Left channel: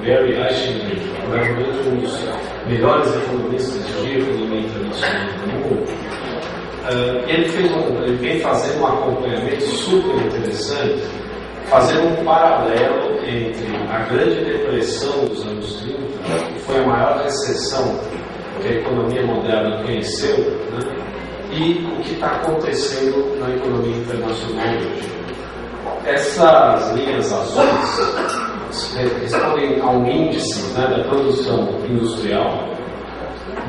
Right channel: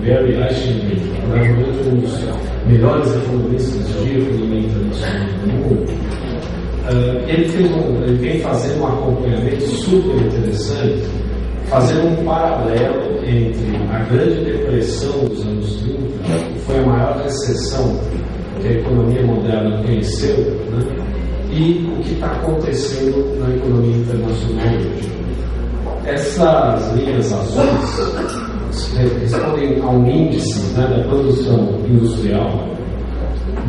Barry Eichengreen, provavelmente um dos melhores economistas de economia internacional do mundo. Ele vem fazendo um acompanhamento super interessante, fazendo um paralelo entre a Grande Depressão dos anos 30, que foi a maior recessão que a economia moderna conheceu, né, e o que está acontecendo na economia internacional hoje. Essas linhas azuis respondem a um índice, né, da produção industrial,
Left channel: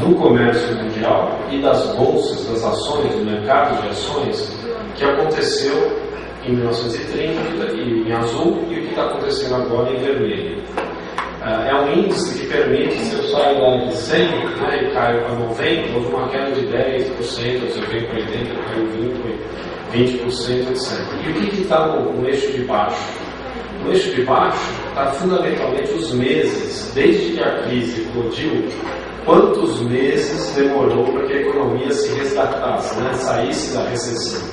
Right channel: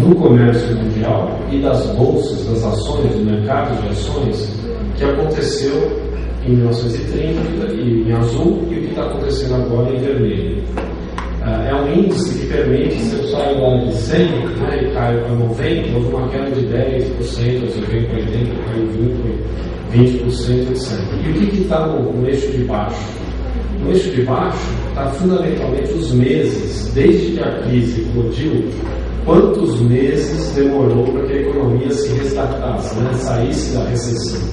do comércio mundial e das bolsas, das ações, do mercado de ações, que aconteceu em 1930 em azul e o que está acontecendo agora em vermelho. É um índice que permite, se eu saio lá de 100, né, e caio para 90, houve uma queda de 10%, se eu venho para 80, caiu 20%, etc. E o que está no eixo de baixo? No eixo de baixo está fundamentalmente os meses, desde que a crise eclodiu, quantos meses demorou para que a economia se resgatasse, né, saísse da recessão.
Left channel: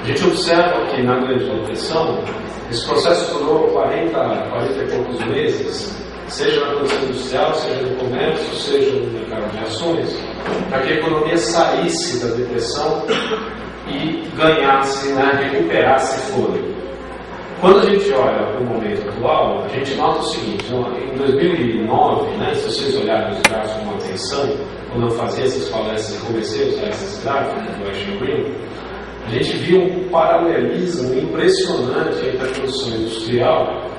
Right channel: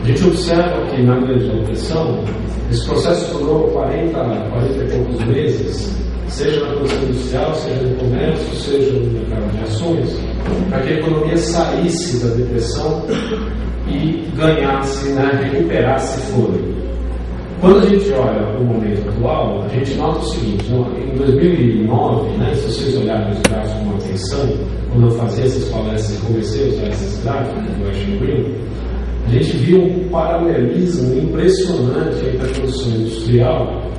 A gente observa que na Grande Depressão, esse processo durou 40 e poucos meses, seja na produção industrial, seja no comércio, seja no mercado de ações, para que a economia saísse da depressão e ganhasse, né, recuperasse fôlego. Quando a gente olha para o momento atual, a gente nota o seguinte: em 2009, né, se vocês olharem os gráficos com atenção, quando eu fazia essas palestras e comecei a usar esses gráficos do Eichengreen, a gente viu um paralelismo impressionante entre a produção industrial,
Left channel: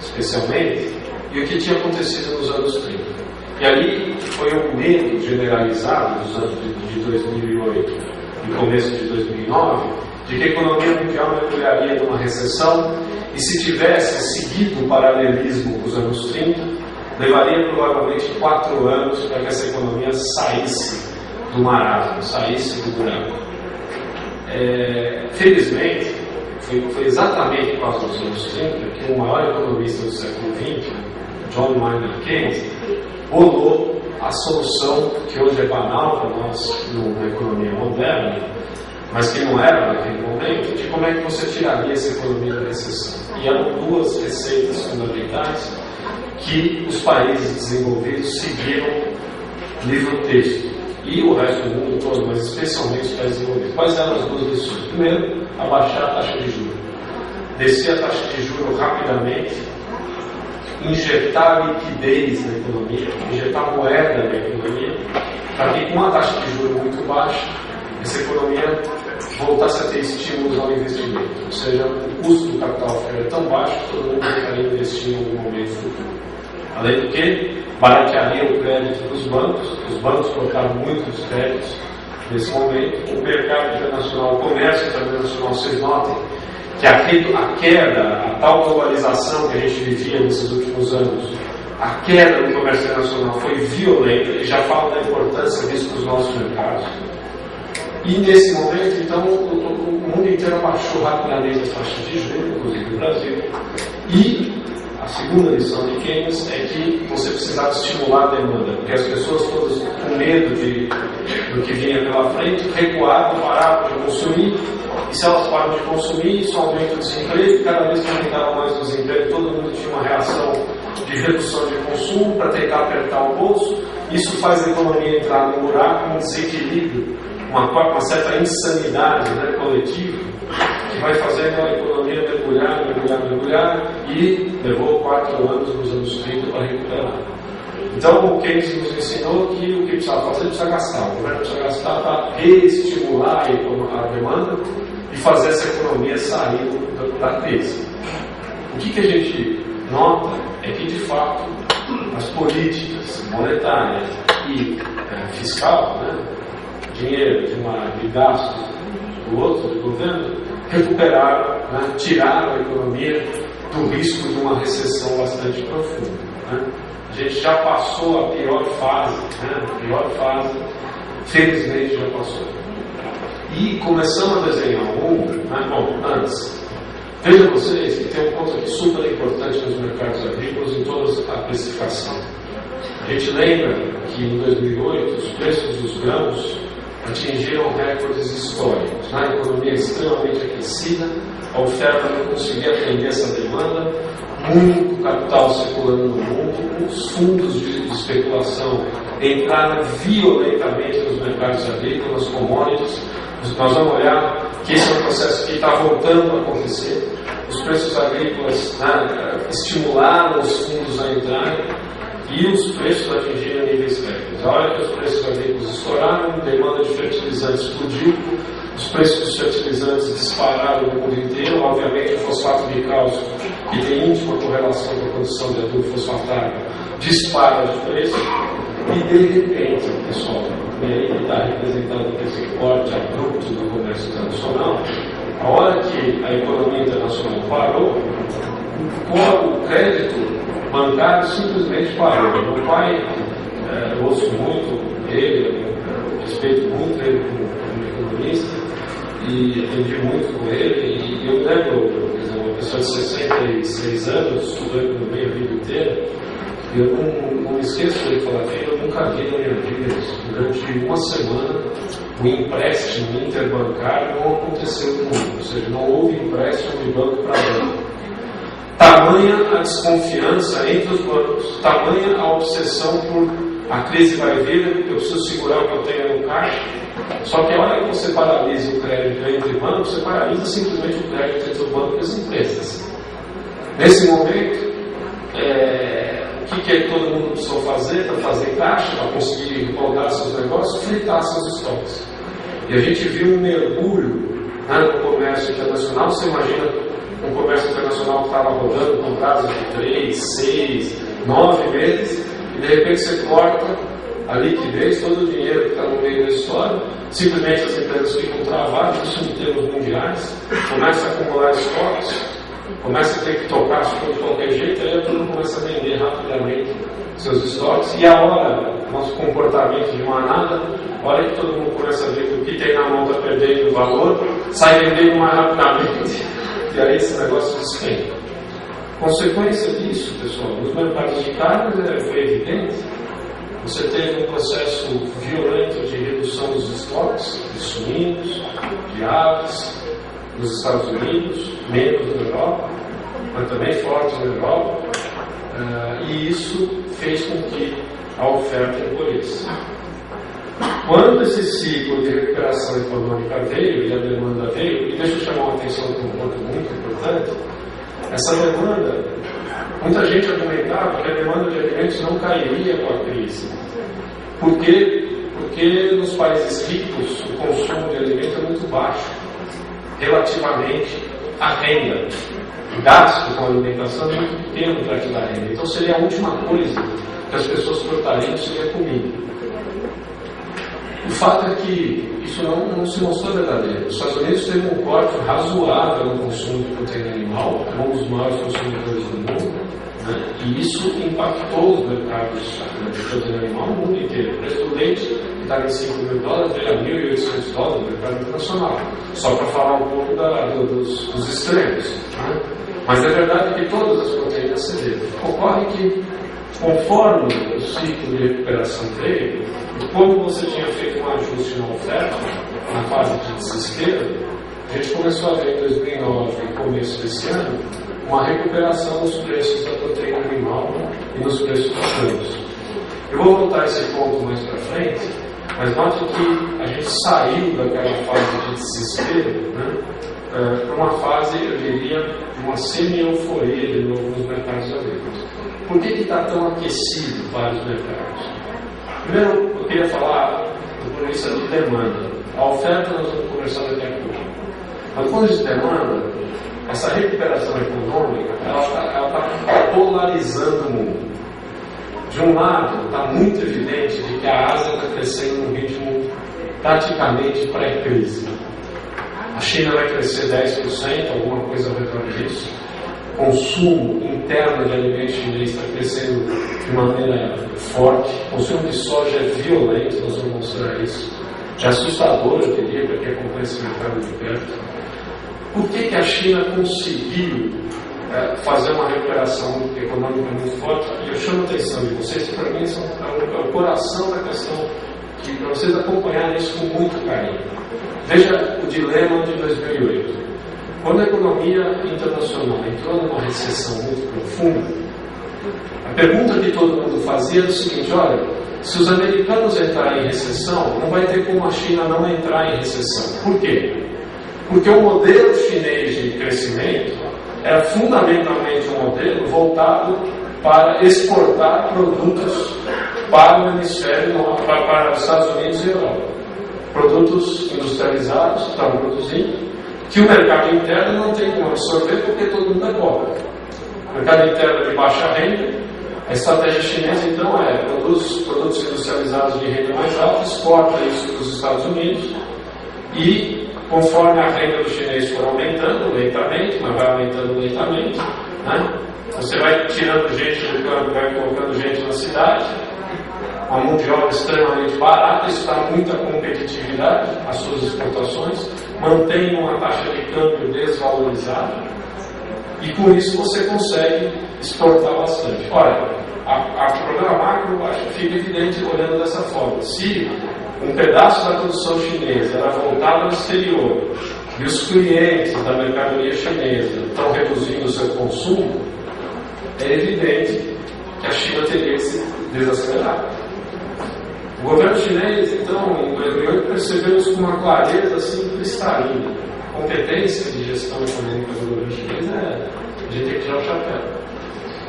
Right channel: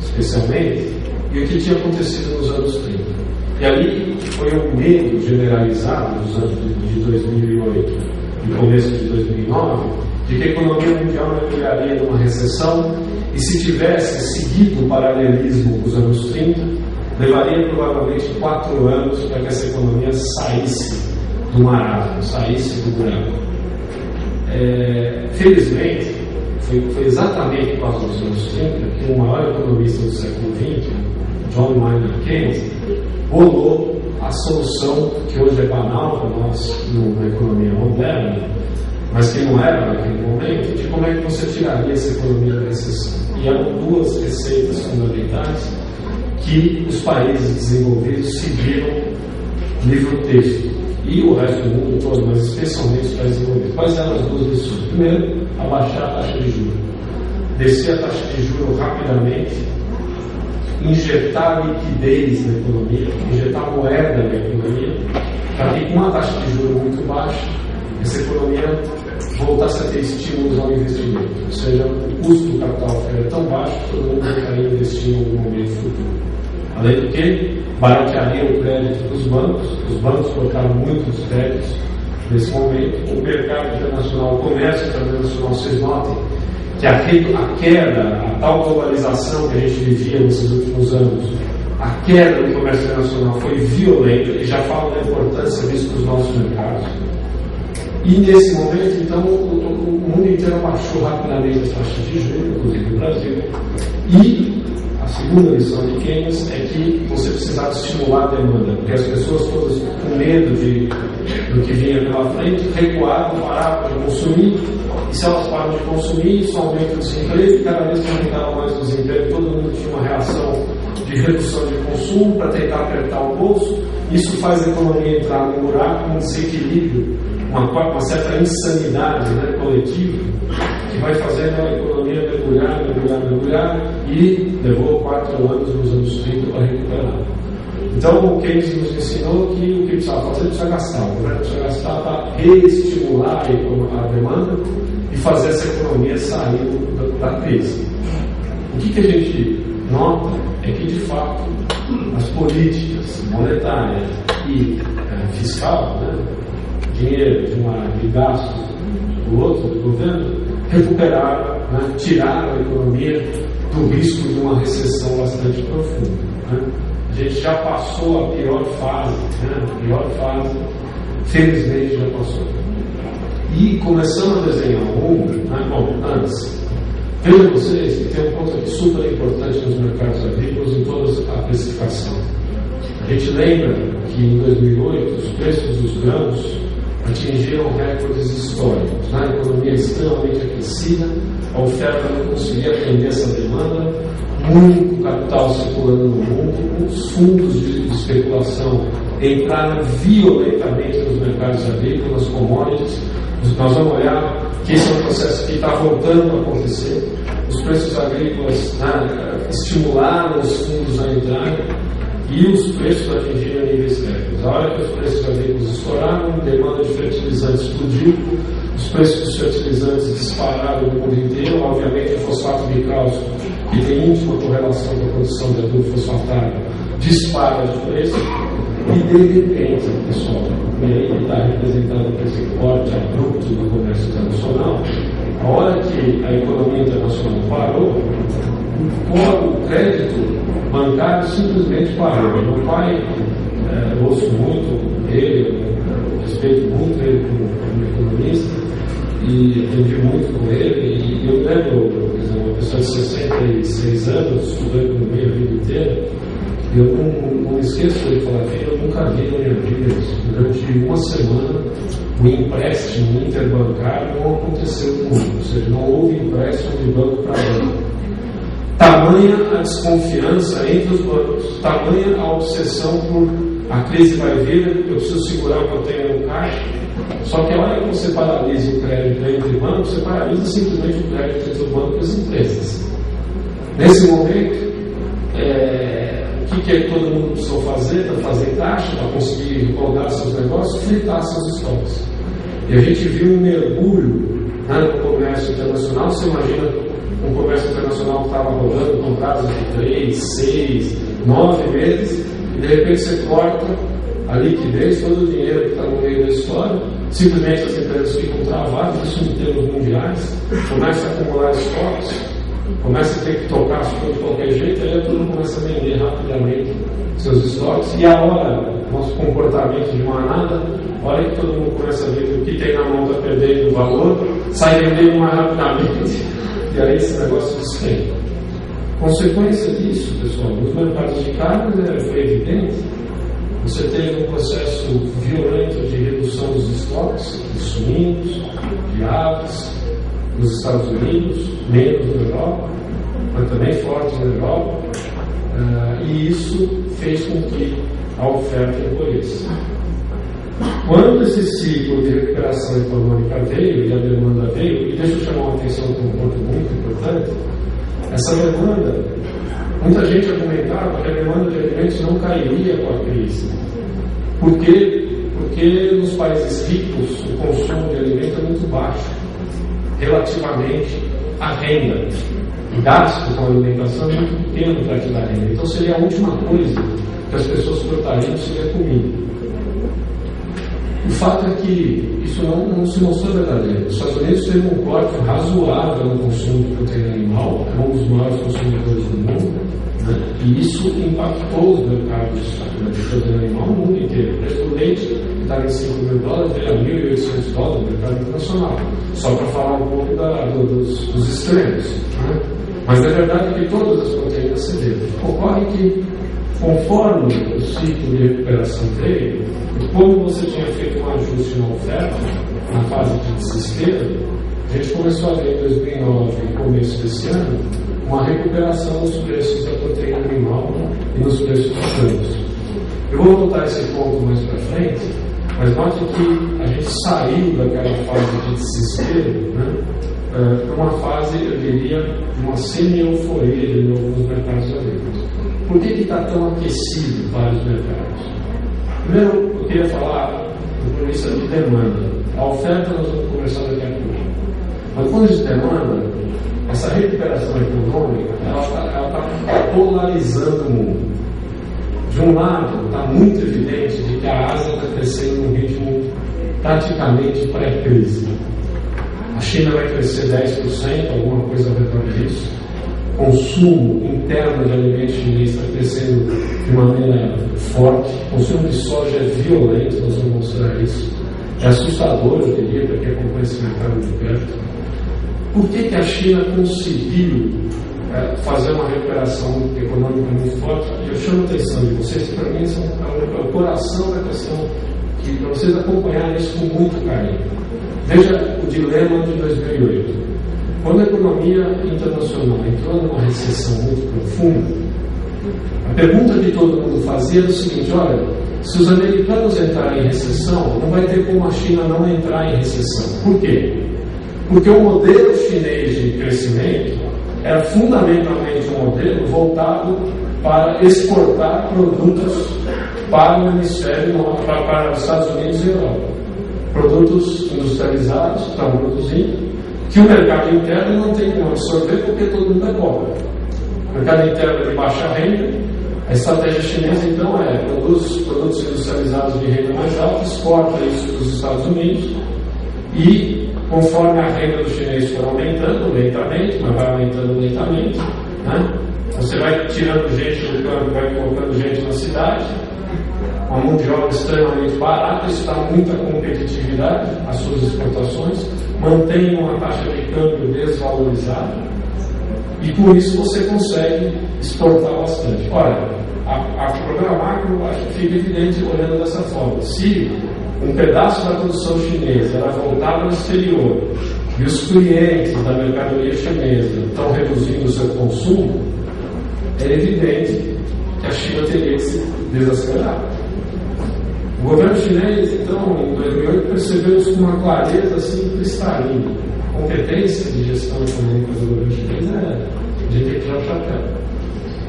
especialmente, e o que tinha acontecido nos anos 30. E ali foi um medo generalizado dos anos de 2008 e começo de 2009, de que a economia mundial mergulharia numa recessão, e se tivesse seguido o paralelismo dos anos 30, levaria provavelmente 4 anos para que essa economia saísse do marasmo, saísse do buraco. Felizmente, foi exatamente por causa dos anos 30 que o maior economista do século XX, John Maynard Keynes, bolou a solução que hoje é banal para nós na economia moderna, mas que não era naquele momento, de como é que você tiraria essa economia da recessão. E eram 2 receitas fundamentais que os países desenvolvidos seguiram livro texto, e o resto do mundo todo, mas especialmente os países desenvolvidos. Quais eram as 2 lições? Primeiro, abaixar a taxa de juros, descer a taxa de juros rapidamente, injetar liquidez na economia, injetar moeda na economia, para que com uma taxa de juros muito baixa, essa economia voltasse a ter estímulos ao investimento, ou seja, o custo do capital ficaria tão baixo que todo mundo estaria investindo em algum momento futuro. Além do que, baratearia o crédito dos bancos, os bancos colocaram muitos créditos nesse momento, o mercado internacional, o comércio internacional, vocês notem que a queda, a tal globalização que a gente vivia nesses últimos anos, a queda do comércio internacional foi violenta, e já falo da importância disso para os nossos mercados. E nesse momento, então, o mundo inteiro baixou rapidamente as taxas de juros, inclusive o Brasil. E a segunda lição de Keynes é que você precisava estimular a demanda, porque as pessoas todas com medo do que vinha pela frente, recuaram, pararam de consumir, e se elas param de consumir, isso aumenta o desemprego, e cada vez que aumentava mais o desemprego, todo mundo tinha uma reação de redução de consumo para tentar apertar o bolso. Isso faz a economia entrar num buraco, um desequilíbrio, uma certa insanidade, né, coletiva, que vai fazendo a economia mergulhar, e levou 4 anos nos anos 30 para recuperar. Então, o Keynes nos ensinou que o que precisava fazer precisa gastar. O governo precisa gastar para reestimular a demanda e fazer essa economia sair da crise. O que a gente nota é que, de fato, as políticas monetárias e fiscal, né, dinheiro de uma de gasto do outro, do governo, recuperaram, né, tiraram a economia do risco de uma recessão bastante profunda. Né? A gente já passou a pior fase, felizmente já passou. E começamos a desenhar o mundo, né? Bom, antes, vejam vocês que tem um ponto aqui super importante nos mercados agrícolas em toda a precificação. A gente lembra que em 2008 os preços dos grãos atingiram recordes históricos. Na economia extremamente aquecida, a oferta não conseguia atender essa demanda, muito capital circulando no mundo, os fundos de especulação entraram violentamente nos mercados agrícolas, commodities. Nós vamos olhar que esse é um processo que está voltando a acontecer. Os preços agrícolas estimularam os fundos a entrarem e os preços atingiram níveis recordes. A hora que os preços agrícolas estouraram, a demanda de fertilizantes explodiu, os preços dos fertilizantes dispararam no mundo inteiro. Obviamente, o fosfato de cálcio, que tem íntima correlação com a produção de adubo fosfatário, dispara de preço e, de repente, pessoal, e aí está representado por esse corte abrupto do comércio internacional. A hora que a economia internacional parou, o crédito bancário simplesmente parou. Meu pai, eu ouço muito ele, respeito muito ele como economista e aprendi muito com ele. E eu lembro, uma pessoa de 66 anos, estudou economia a vida inteira, e eu não esqueço de falar que eu nunca vi na minha vida, durante uma semana, o empréstimo interbancário não aconteceu no mundo, ou seja, não houve empréstimo de banco para banco. Tamanha a desconfiança entre os bancos, tamanha a obsessão por a crise vai vir, eu preciso segurar o que eu tenho no caixa. Só que a hora que você paralisa o crédito entre bancos, você paralisa simplesmente o crédito entre o banco e as empresas. Nesse momento, o que todo mundo precisou fazer para fazer caixa, para conseguir rodar seus negócios? Fritar seus estoques. E a gente viu um mergulho no comércio internacional. Você imagina um comércio internacional que estava rodando com prazos de 3, 6, 9 meses, e de repente você corta a liquidez, todo o dinheiro que está no meio da história, simplesmente as empresas ficam travadas, isso em termos mundiais, começa a acumular estoques, começa a ter que tocar as coisas de qualquer jeito, aí todo mundo começa a vender rapidamente seus estoques, e a hora, nosso comportamento de manada, a hora que todo mundo começa a ver que o que tem na mão está perdendo valor, sai vendendo mais rapidamente, e aí esse negócio despenca. Consequência disso, pessoal, nos mercados de carne foi evidente. Você teve um processo violento de redução dos estoques de suínos, de aves, nos Estados Unidos, menos na Europa, mas também forte na Europa, e isso fez com que a oferta encolhesse. Quando esse ciclo de recuperação econômica veio e a demanda veio, e deixa eu chamar a atenção para um ponto muito importante, essa demanda, muita gente argumentava que a demanda de alimentos não cairia com a crise. Por quê? Porque nos países ricos o consumo de alimento é muito baixo, relativamente à renda. O gasto com a alimentação é muito pequeno perto da renda. Então seria a última coisa que as pessoas cortariam seria comida. O fato é que isso não se mostrou verdadeiro. Os Estados Unidos teve um corte razoável no consumo de proteína animal, é um dos maiores consumidores do mundo, né? E isso impactou os mercados de proteína animal no mundo inteiro. O preço do leite, que estava em $5 mil, veio a $1.800 no mercado internacional. Só para falar um pouco dos extremos. Né? Mas a verdade é que todas as proteínas cederam. Ocorre que, conforme o ciclo de recuperação veio, e como você tinha feito um ajuste na oferta, na fase de desespero, a gente começou a ver em 2009 e começo desse ano uma recuperação nos preços da proteína animal e nos preços dos grãos. Eu vou voltar a esse ponto mais para frente, mas note que a gente saiu daquela fase de desespero, né, para uma fase, eu diria, de uma semi-euforia de novo nos mercados agrícolas. Por que está tão aquecido vários mercados? Primeiro, eu queria falar do ponto de vista de demanda. A oferta nós vamos conversar daqui a pouco. Mas quando diz demanda, essa recuperação econômica, ela está polarizando o mundo. De um lado, está muito evidente de que a Ásia está crescendo num ritmo praticamente pré-crise. A China vai crescer 10%, alguma coisa ao redor disso. O consumo interno de alimentos chinês está crescendo de maneira forte. O consumo de soja é violento, nós vamos mostrar isso. É assustador, eu diria, para quem acompanha esse mercado de perto. Por que a China conseguiu fazer uma recuperação econômica muito forte? E eu chamo a atenção de vocês, que para mim é o coração da questão para vocês acompanharem isso com muito carinho. Veja o dilema de 2008. Quando a economia internacional entrou numa recessão muito profunda, a pergunta que todo mundo fazia era o seguinte: olha, se os americanos entrarem em recessão, não vai ter como a China não entrar em recessão. Por quê? Porque o modelo chinês de crescimento era fundamentalmente um modelo voltado para exportar produtos para o hemisfério norte, para os Estados Unidos e Europa. Produtos industrializados que estavam produzindo, que o mercado interno não tem como absorver porque todo mundo é pobre. O mercado interno é de baixa renda. A estratégia chinesa, então, é produtos industrializados de renda mais alta, exporta isso para os Estados Unidos e, conforme a renda do chinês for aumentando lentamente, mas vai aumentando lentamente, né? Você vai tirando gente do campo, vai colocando gente na cidade, uma mão de obra extremamente barata, isso dá muita competitividade às suas exportações, mantém uma taxa de câmbio desvalorizada e com isso você consegue exportar bastante. Olha, a programa macro acho que fica evidente olhando dessa forma. Se um pedaço da produção chinesa era voltada ao exterior e os clientes da mercadoria chinesa estão reduzindo o seu consumo, é evidente que a China teria que se desacelerar. O governo chinês, então, em 2008, percebeu isso com uma clareza assim, cristalina. A competência de gestão econômica do governo chinês a gente tem que tirar o chapéu.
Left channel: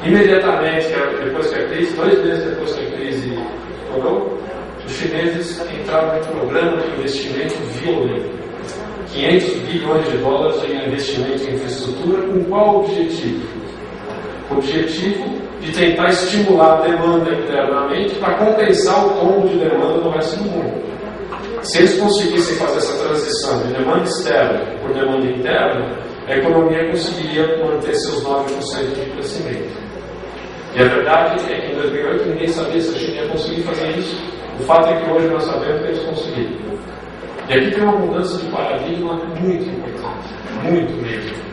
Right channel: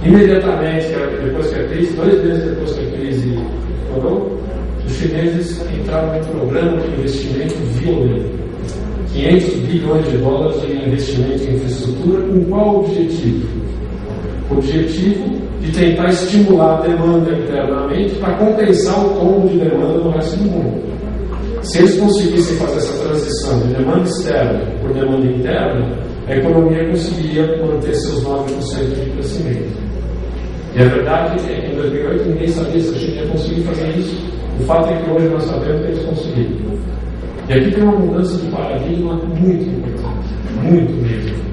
Imediatamente, depois que a crise, 2 meses depois que a crise estourou, os chineses entraram em um programa de investimento violento. 500 bilhões de dólares em investimento em infraestrutura, com qual objetivo? O objetivo de tentar estimular a demanda internamente para compensar o tombo de demanda no resto do mundo. Se eles conseguissem fazer essa transição de demanda externa por demanda interna, a economia conseguiria manter seus 9% de crescimento. E a verdade é que em 2008 ninguém sabia se a China ia conseguir fazer isso. O fato é que hoje nós sabemos que eles conseguiram. E aqui tem uma mudança de paradigma muito importante, muito mesmo.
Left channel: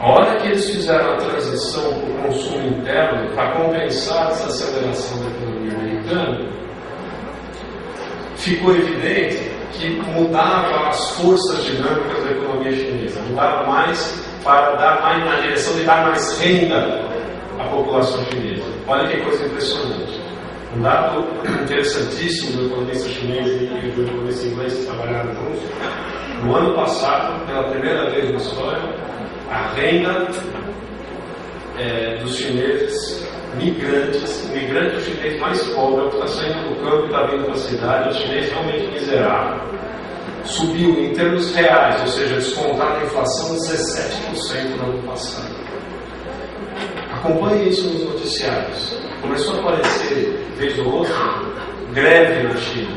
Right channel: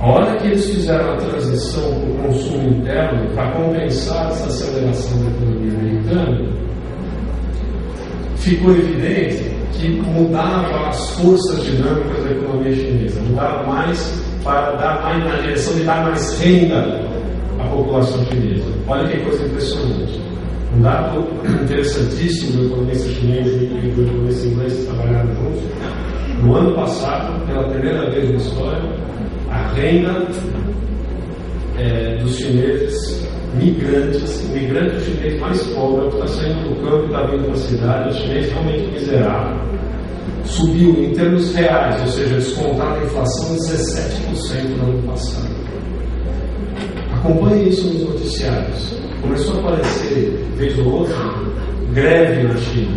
A hora que eles fizeram a transição para o consumo interno para compensar essa aceleração da economia americana, ficou evidente que mudava as forças dinâmicas da economia chinesa, mudava mais para dar mais na direção de dar mais renda à população chinesa. Olha que coisa impressionante. Um dado interessantíssimo do economista chinês e do economista inglês que trabalharam juntos. No ano passado, pela primeira vez na história, a renda dos chineses migrantes, o migrante chinês mais pobre, o que está saindo do campo e está vindo para a cidade, o chinês realmente miserável, subiu em termos reais, ou seja, descontado a inflação, 17% no ano passado. Acompanhe isso nos noticiários. Começou a aparecer, vez ou outra, greve na China.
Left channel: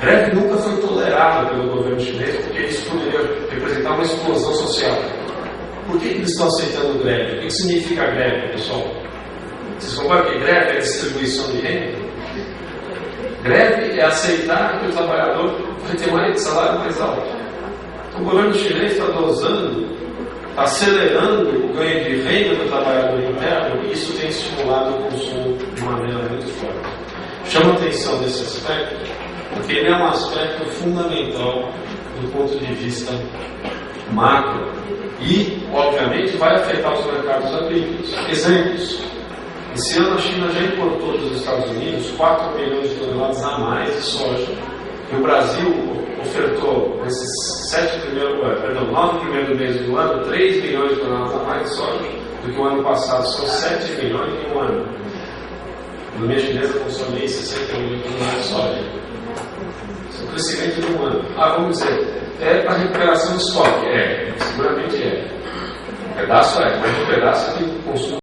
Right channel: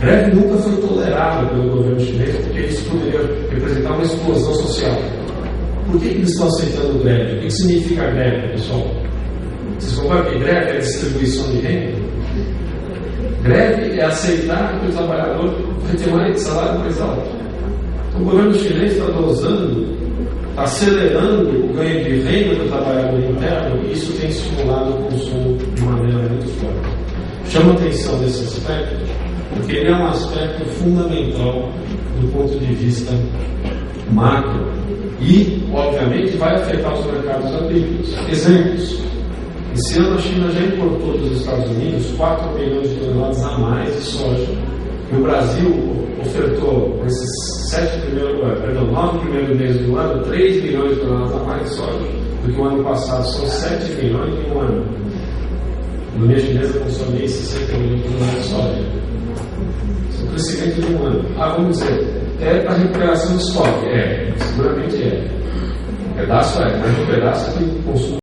Greve nunca foi tolerada pelo governo chinês, porque isso poderia representar uma explosão social. Por que eles estão aceitando greve? O que significa greve, pessoal? Vocês concordam que greve é distribuição de renda? Greve é aceitar que o trabalhador vai ter mais salário mais alto. Então, o governo chinês está dosando, está acelerando o ganho de renda do trabalhador interno e isso tem estimulado o consumo de maneira muito forte. Chama atenção desse aspecto, porque ele é um aspecto fundamental do ponto de vista macro e, obviamente, vai afetar os mercados agrícolas. Exemplos. Esse ano a China já importou dos Estados Unidos 4 milhões de toneladas a mais de soja. E o Brasil ofertou, nesses 9 primeiros meses do ano, 3 milhões de toneladas a mais de soja do que o ano passado. São 7 milhões em um ano. A economia chinesa consome 60 milhões de toneladas de soja. Isso é um crescimento de um ano. Vamos dizer, é para recuperação do estoque? Seguramente é. Um pedaço mas um pedaço que consumo